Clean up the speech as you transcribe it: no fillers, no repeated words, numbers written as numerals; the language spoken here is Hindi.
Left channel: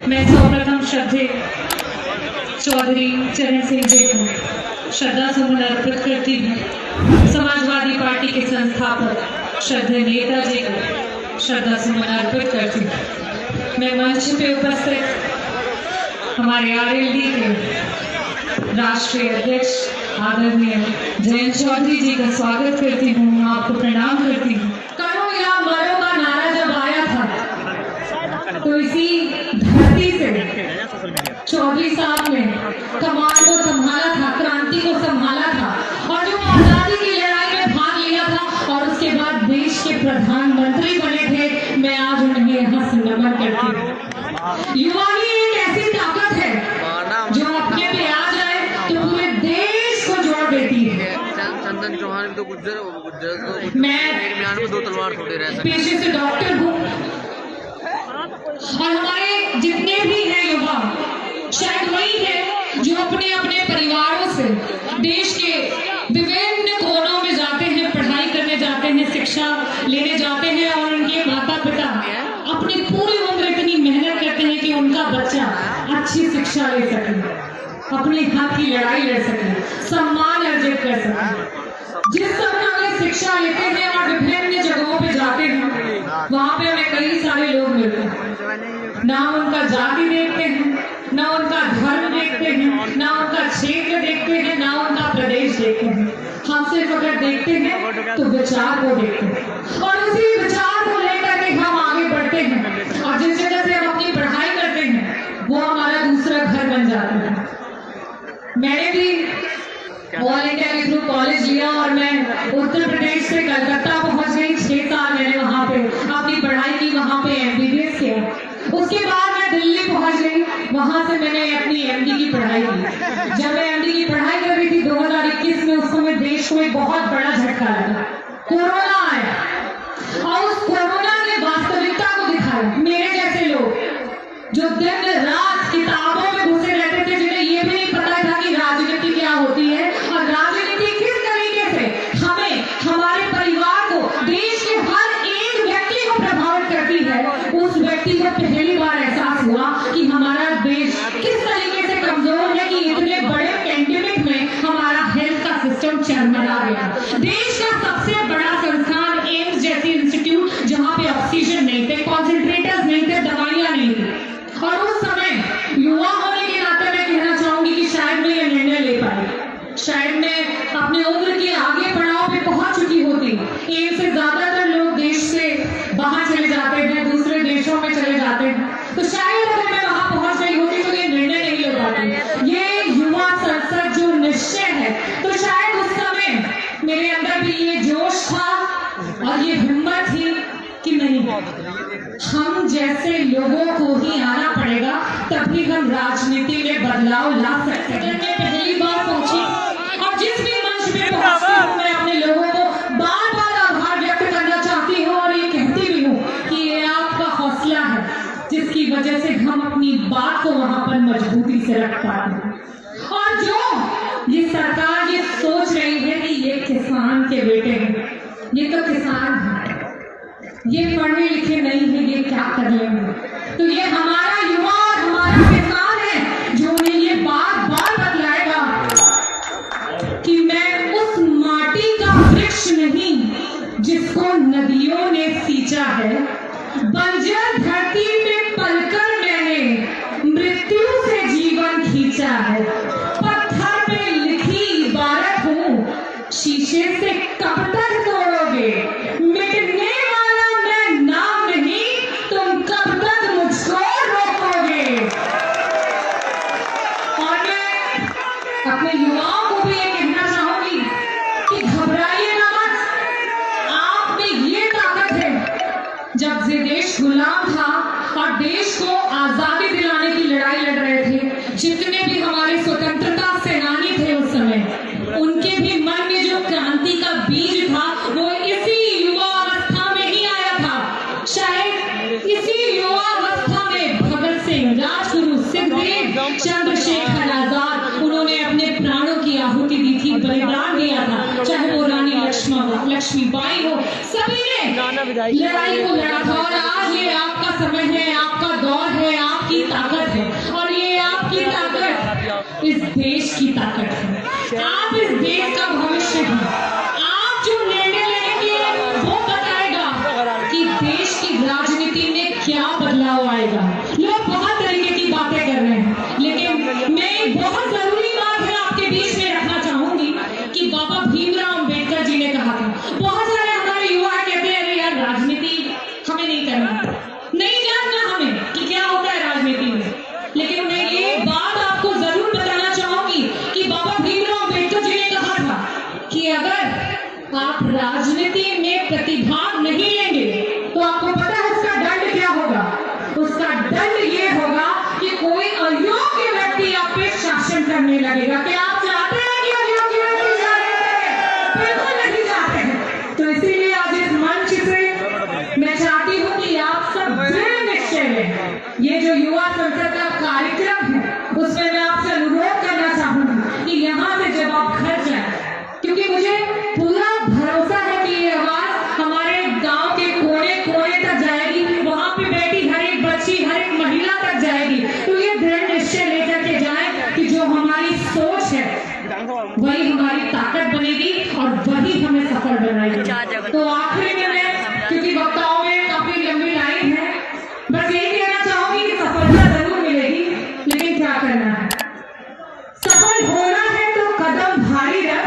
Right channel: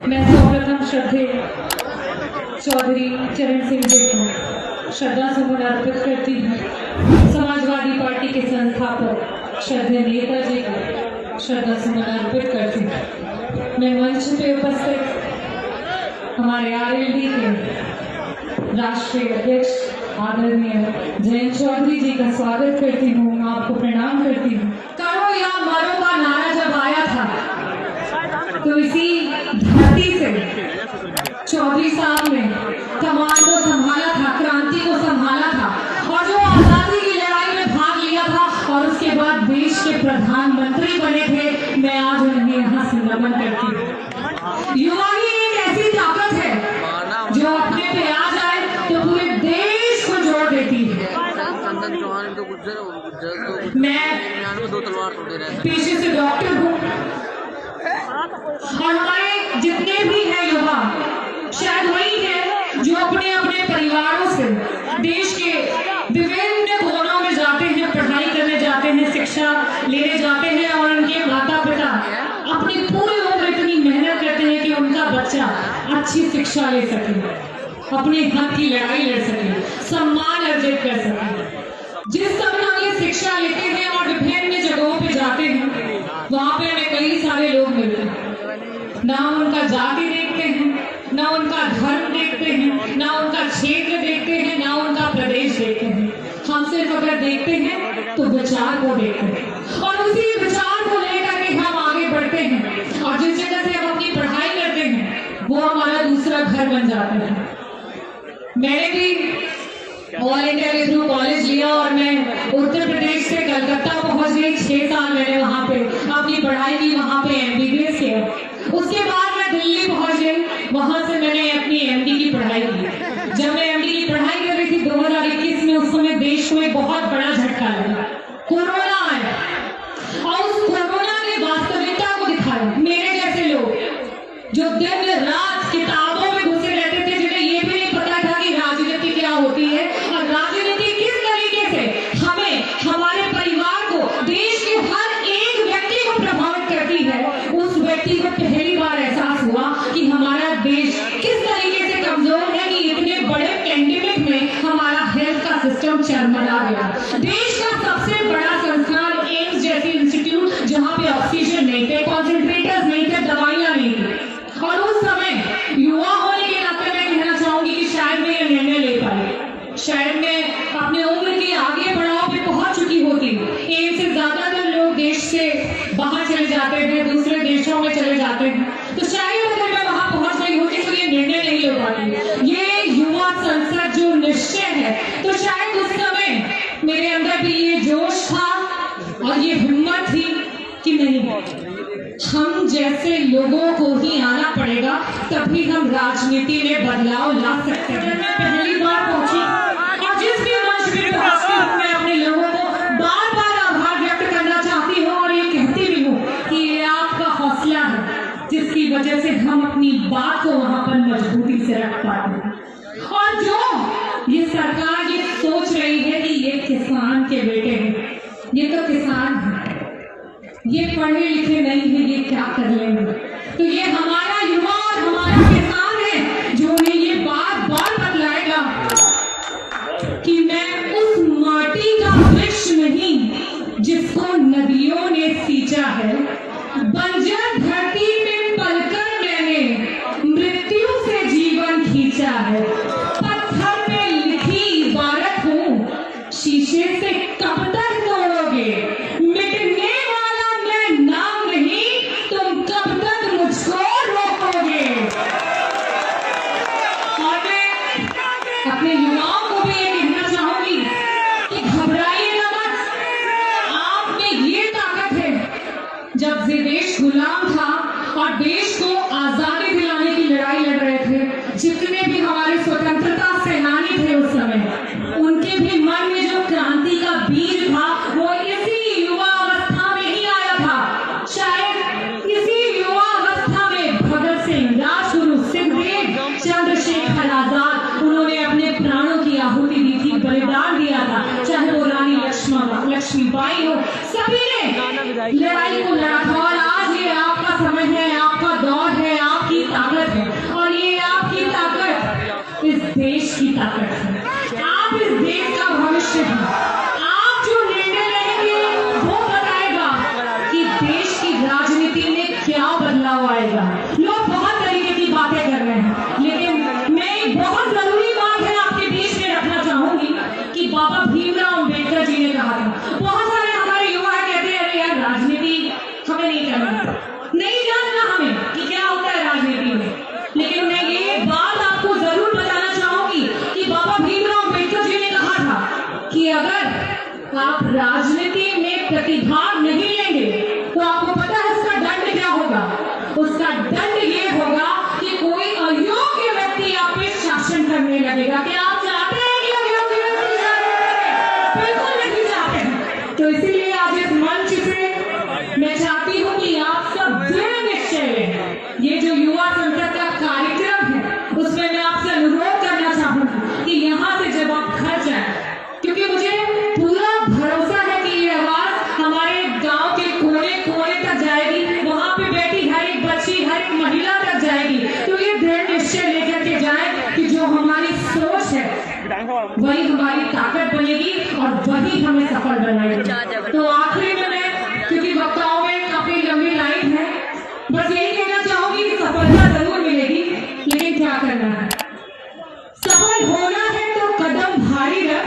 मैं सर्वप्रथम श्रद्धेय चौधरी चरण सिंह जी को श्रद्धा सुमन अर्पित करती हूँ। समाजवादी पार्टी के संस्थापक श्रद्धेय नेताजी को श्रद्धा सुमन अर्पित करती हूँ। मैं मंच पे उपस्थित हमारे आरएलडी के राष्ट्रीय अध्यक्ष आदरणीय जयंत चौधरी जी का स्वागत करती हूँ, आपको प्रणाम करती हूँ। करो या मरो का नारा जब आया था तो इसी धरती से चौधरी साहब ने कमान को संभाला था, क्रांति को संभाला था और जो आजादी की लड़ाई में भाग लिया था और उसके बाद देश के प्रधानमंत्री बने थे। मैं आज उन्हें यहाँ से नमन करती हूँ। युवा ही एक ऐसी ताकत है जो अपने पे आ जाए तो पूरे देश को जोड़ देती है। मैं पेशे से डॉक्टर हूँ और हमारे जितने भी हैं युवा शायद वही है जो अपने अपने परिवारों से देश के विभिन्न कोनों में जाते हैं, पढ़ाई करने जाते हैं, शिक्षा लेने जाते हैं और उनके माता पिता अपनी पूरी उम्र इतनी मेहनत करते हैं कि उनका बच्चा अच्छी शिक्षा ले सके, अपने हक की लड़ाई लड़ सके, सम्मान अर्जित कर सके। जिस समय हम ये शिक्षा लेते हैं और विभिन्न जगहों पे जाते हैं वहां पे हमें कई सारे लोग मिलते हैं। ना हम उनका जाति देखते हैं, ना उनका धर्म देखते हैं, ना उनका क्षेत्र देखते हैं, ना उनका प्रदेश देखते हैं। हम सिर्फ अगर देखते हैं तो विचार को देखते हैं और उसी विचार को लेकर के हम आगे बढ़ते हैं और जिस जगह से हम अपनी पढ़ाई करते हैं वो हमारा दूसरा घर बन जाता है। मैंने भी ऑल इंडिया के थ्रू कॉलेज लिया और मैं उत्तर प्रदेश से कलकत्ता पहुंच गई। 6 साल मैंने वहां पे अपनी पढ़ाई की, वहां पे MBBS किया। उसके बाद मैं दिल्ली पहुंच गई, वहां से मैंने अपनी MD की पढ़ाई की। जब मैं MD की पढ़ाई कर रही थी 2021 में, उस समय देश को एक बहुत बड़ा झटका लगा, कोरोना आया और उस कोरोना ने वास्तविकता को दिखाया। मेरे जैसे लोग जो दिन रात किताबों में घुसे रहते थे, जिन्हें ये भी नहीं पता था कि राजनीति क्या होती है और राजनीति किस तरीके से हमें, हमारे परिवार को, देश के हर एक व्यक्ति को प्रभावित करती है, उस व्यक्ति को पहली बार एहसास हुआ कि हमारा देश किस तरीके से कमजोर है कि इतने बड़े पेंडेमिक में हमारा हेल्थ का सिस्टम चरमरा गया। देश का सबसे बड़ा संस्थान एम्स जैसी इंस्टीट्यूट, जहां पे ऑक्सीजन नहीं थे, कॉन्सेंट्रेटर्स नहीं थे, दवाइयां नहीं थी। और उस समय युवा होने के नाते मैं कहना चाहूंगी कि शायद मैं ये निर्णय ले पाई, शायद मैं अपने उम्र के आगे पड़ाव पे पहुंच चुकी होती। एम्स से ज्यादातर लोग देश से बाहर चले जाते हैं, दूसरे देशों में चले जाते हैं, तो शायद अगर मैं वहां पहुंच गई होती तो ये निर्णय नहीं ले पाती। ये युवा संसद जो निश्चय है, तो शायद उस समय मेरे अंदर भी ये जोश था और ये हिम्मत थी कि नहीं, हम जैसे लोगों को ही आना पड़ेगा, तभी हम राजनीति में बदलाव ला सकते हैं। मैं पहली बार पहुंची और जिस भी मंच पे पहुंचती हूँ मैं अपने लोगों को बार बार आभार व्यक्त करना चाहती हूँ और ये कहती भी हूँ कि ये आपका हौसला है जिसकी वजह से हम अपनी बात को वहां पर मजबूती से रख पाते हैं। और जो ये सरकार ये सोच रही है कि ये किसान के बेटे हैं, ये तो किसान है, ये पढ़े लिखे नहीं है, ये क्या कर लेंगे, तो ये हमारा युवा और हमारा किसान है जो उन्हें ये बार बार बतलाएगा कि मैं उस माटी का वृक्ष नहीं जिसको नदियों ने सींचा है, बंजर धरती पे पलकर मैंने मृत्यु से जीवन खींचा है, पत्थर पे लिखी इबारत हूँ, शीशे से कब तक तोड़ोगे, मिटने वाला मैं नाम नहीं, तुम कब तक मुझको रोकोगे। और मैं अपने युवाओं को भी ये कहना चाहूंगी कि घबराइए ना मत, आप में ये ताकत है। जब ये देश गुलाम था और देश को आजादी दिलाने की लड़ाई लड़ रहे थे, जितने भी हमारे स्वतंत्रता सेनानी थे उस समय, उनके भी मन में जो क्रांति का बीज था वो इसी युवा अवस्था में ही आया था। शायद इसी युवा अवस्था में भगत सिंह, राजगुरु, सुखदेव, चंद्रशेखर आजाद, उन्होंने अपने प्राणों की आहुति दी थी, बलिदान दिया था। चाहे वो रानी लक्ष्मीबाई हो, सभी ने लड़ाई को लड़ा था। और आज ये आपका समय है, आपका दौर है, आपकी ताकत में प्रतिभाग नहीं लेंगे तो आपको पता है उसका दंड क्या होगा? उसका दंड ये होगा कि कोई अयोग्य व्यक्ति आप पे शासन करने लगेगा। क्या आप चाहते हैं कि अयोग्य व्यक्ति शासन करे? बिल्कुल नहीं चाहते हैं। तो इसीलिए आज इस मंच से मैं चाहती हूँ कि आप सब दृढ़ निश्चय लें। ये जो युवा संसद का कार्यक्रम है उसमें मैं आपसे अनुरोध करना चाहूंगी कि यहाँ से जब आप घर जाए, क्योंकि मुझे पूरा भरोसा है कि ये आवाज हमारे गांव के कोने कोने तक जाएगी, वहां पे बैठी हर एक बच्ची हर एक महिला तक जाएगी। तो ये दृढ़ निश्चय लेकर के जाए कि जो हमारी सोच है वही हमारी ताकत बनेगी और वही हमें सफल बनाएगी। तो आखिरी में मैं, क्योंकि वक्ताओं में काफी लंबी लाइन है, बस यही कहना चाहूंगी कि सफलता जरूर मिलेगी, लेकिन क्या करना है? सफल होना है तो कदम भारी रख